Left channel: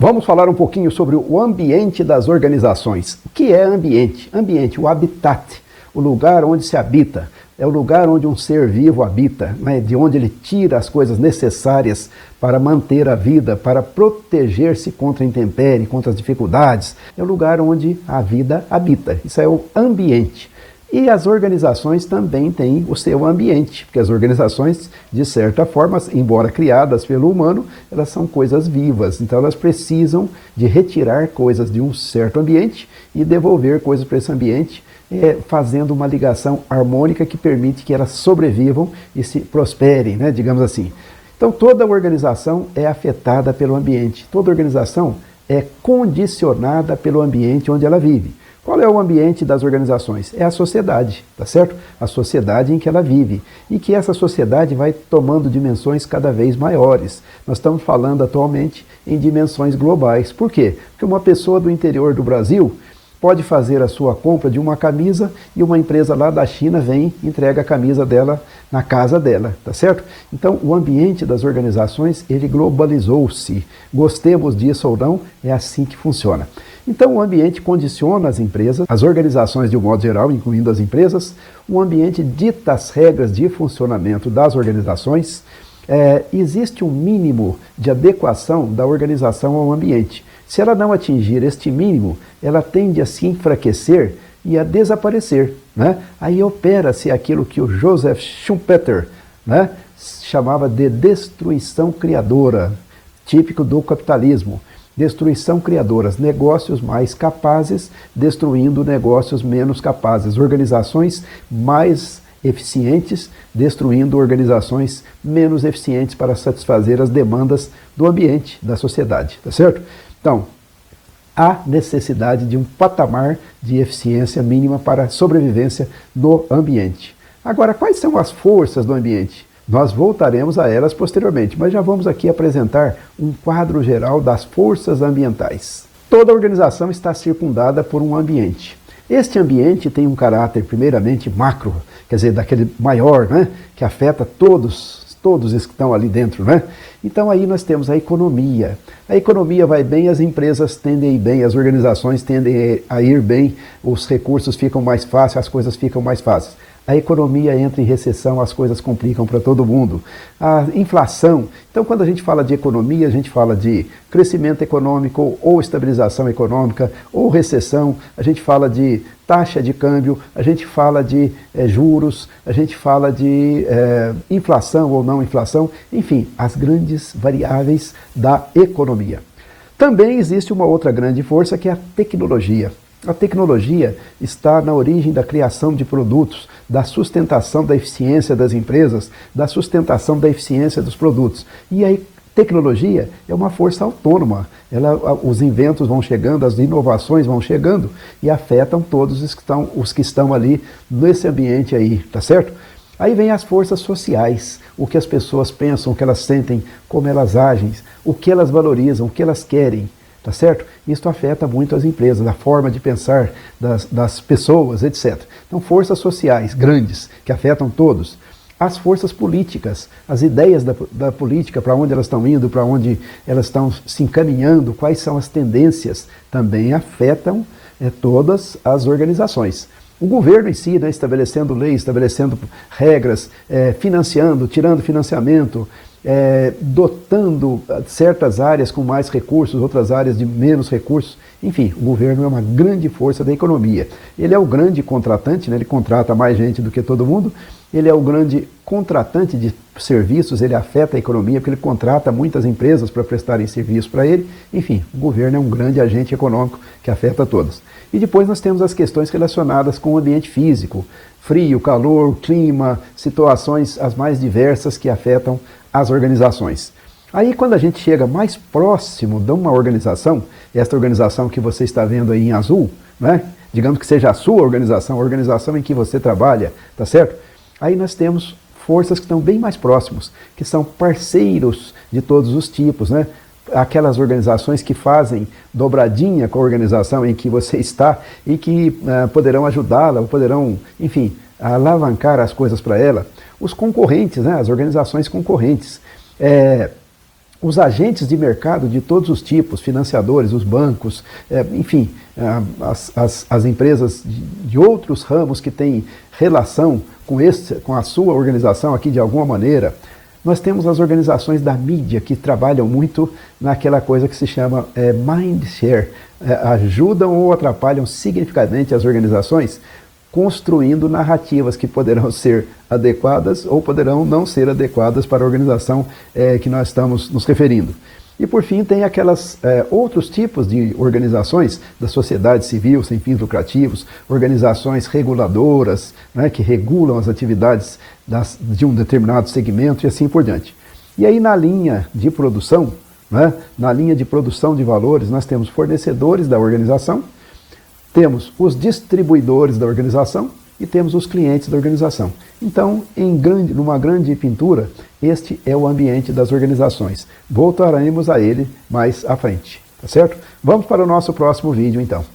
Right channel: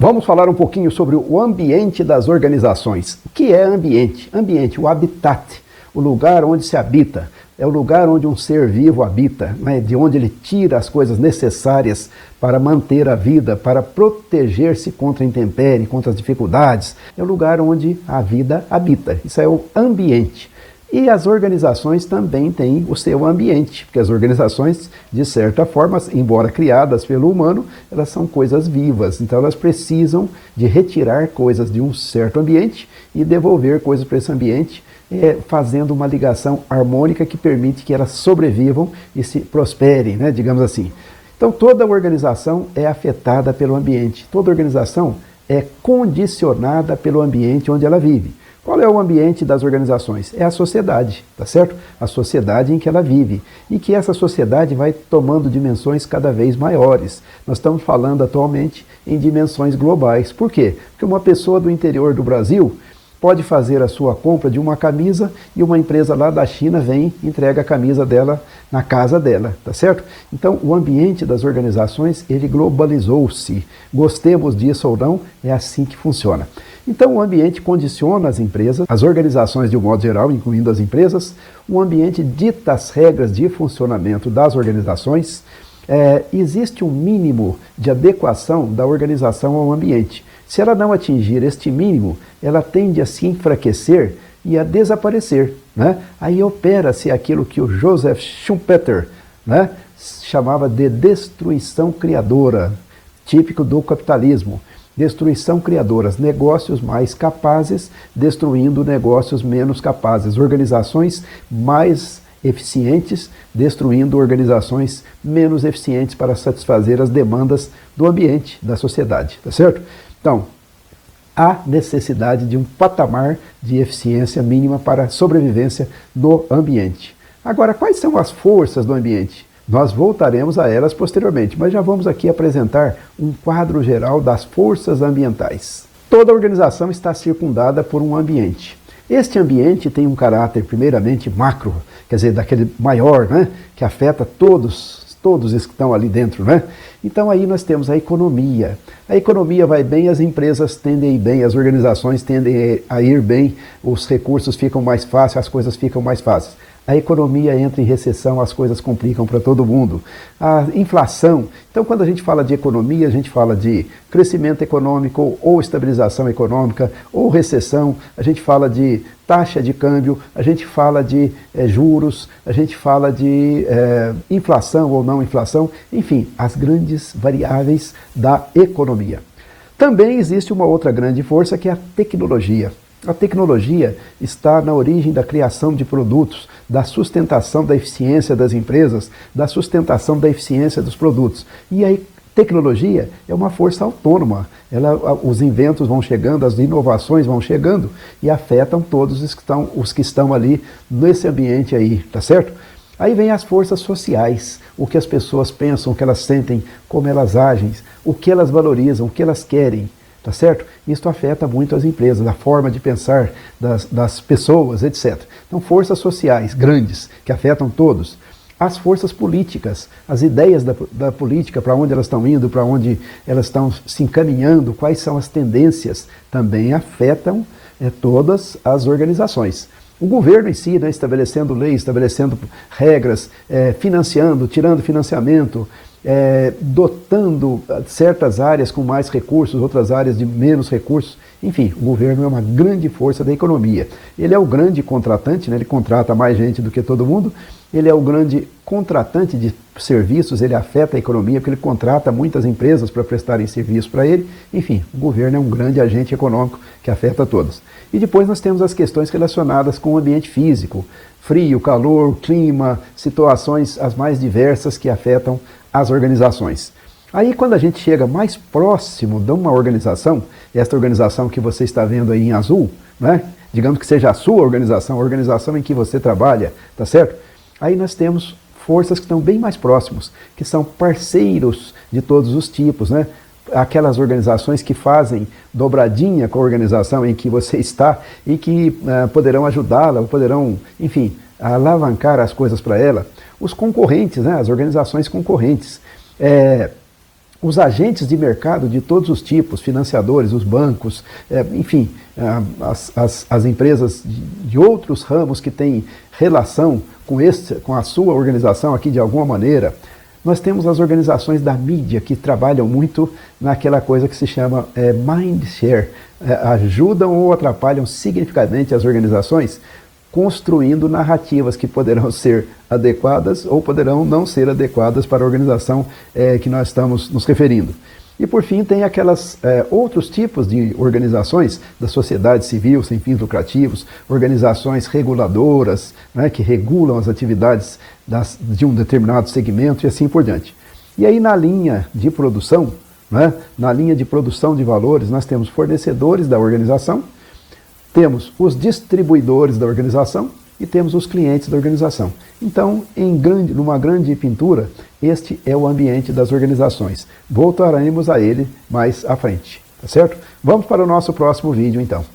Vamos falar um pouquinho sobre o ambiente das organizações. O que é ambiente? Ambiente, o habitat, o lugar onde se habita. É o lugar onde um ser vivo habita, né? De onde ele tira as coisas necessárias para manter a vida, para proteger-se contra a intempérie, contra as dificuldades. É o lugar onde a vida habita. Isso é o ambiente. E as organizações também têm o seu ambiente. As organizações, de certa forma, embora criadas pelo humano, elas são coisas vivas. Então elas precisam de retirar coisas de um certo ambiente e devolver coisas para esse ambiente, fazendo uma ligação harmônica que permite que elas sobrevivam e se prosperem, né, digamos assim. Então toda organização é afetada pelo ambiente. Toda organização é condicionada pelo ambiente onde ela vive. Qual é o ambiente das organizações? É a sociedade, tá certo? A sociedade em que ela vive. E que essa sociedade vai tomando dimensões cada vez maiores. Nós estamos falando atualmente em dimensões globais. Por quê? Porque uma pessoa do interior do Brasil pode fazer a sua compra de uma camisa e uma empresa lá da China vem e entrega a camisa dela na casa dela, tá certo? Então, o ambiente das organizações, ele globalizou-se. Gostemos disso ou não, é assim que funciona. Então, o ambiente condiciona as empresas, as organizações de um modo geral, incluindo as empresas. O ambiente dita as regras de funcionamento das organizações. Existe um mínimo de adequação da organização ao ambiente. Se ela não atingir este mínimo, ela tende a se enfraquecer e a desaparecer. Aí opera-se aquilo que o Joseph Schumpeter, né, chamava de destruição criadora, típico do capitalismo. Destruição criadora, negócios mais capazes destruindo negócios menos capazes, organizações mais eficientes destruindo organizações menos eficientes. Então, há necessidade de um patamar de eficiência mínima para a sobrevivência do ambiente. Agora, quais são as forças do ambiente? Nós voltaremos a elas posteriormente, mas já vamos aqui apresentar um quadro geral das forças ambientais. Toda organização está circundada por um ambiente. Este ambiente tem um caráter, primeiramente, macro, quer dizer, daquele maior, né, que afeta todos que estão ali dentro, né? Então aí nós temos a economia. A economia vai bem, as empresas tendem a ir bem, as organizações tendem a ir bem, os recursos ficam mais fáceis, as coisas ficam mais fáceis. A economia entra em recessão, as coisas complicam para todo mundo. A inflação. Então, quando a gente fala de economia, a gente fala de crescimento econômico, ou estabilização econômica, ou recessão. A gente fala de taxa de câmbio, a gente fala de juros, a gente fala de inflação ou não inflação. Enfim, as grandes variáveis da economia. Também existe uma outra grande força que é a tecnologia. A tecnologia está na origem da sustentação da eficiência das empresas, da sustentação da eficiência dos produtos. E aí, tecnologia é uma força autônoma. Os inventos vão chegando, as inovações vão chegando e afetam todos os que estão ali nesse ambiente aí, tá certo? Aí vem as forças sociais, o que as pessoas pensam, o que elas sentem, como elas agem, o que elas valorizam, o que elas querem. Tá certo? Isso afeta muito as empresas, a forma de pensar das pessoas, etc. Então, forças sociais grandes, que afetam todos. As forças políticas, as ideias da política, para onde elas estão indo, para onde elas estão se encaminhando, quais são as tendências, também afetam todas as organizações. O governo em si, né, estabelecendo leis, estabelecendo regras, financiando, tirando financiamento, dotando certas áreas com mais recursos, outras áreas de menos recursos. Enfim, o governo é uma grande força da economia. Ele é o grande contratante, né? Ele contrata mais gente do que todo mundo. Ele é o grande contratante de serviços, ele afeta a economia, porque ele contrata muitas empresas para prestarem serviço para ele. Enfim, o governo é um grande agente econômico que afeta todos. E depois nós temos as questões relacionadas com o ambiente físico, frio, calor, clima, situações as mais diversas que afetam as organizações. Aí quando a gente chega mais próximo de uma organização, esta organização que você está vendo aí em azul, né? Digamos que seja a sua organização, a organização em que você trabalha, tá certo? Aí nós temos forças que estão bem mais próximas, que são parceiros de todos os tipos, né? Aquelas organizações que fazem dobradinha com a organização em que você está e que poderão ajudá-la, poderão, enfim, alavancar as coisas para ela. Os concorrentes, né? As organizações concorrentes. os agentes de mercado de todos os tipos, financiadores, os bancos, enfim, as empresas de outros ramos que têm relação com a sua organização aqui de alguma maneira. Nós temos as organizações da mídia que trabalham muito naquela coisa que se chama mind share, ajudam ou atrapalham significativamente as organizações, construindo narrativas que poderão ser adequadas ou poderão não ser adequadas para a organização que nós estamos nos referindo. E por fim tem aquelas outros tipos de organizações da sociedade civil sem fins lucrativos, organizações reguladoras, né, que regulam as atividades de um determinado segmento e assim por diante. E aí na linha de produção, né, na linha de produção de valores, nós temos fornecedores da organização, temos os distribuidores da organização e temos os clientes da organização. Então, numa grande pintura, este é o ambiente das organizações. Voltaremos a ele mais à frente, tá certo? Vamos para o nosso próximo vídeo, então.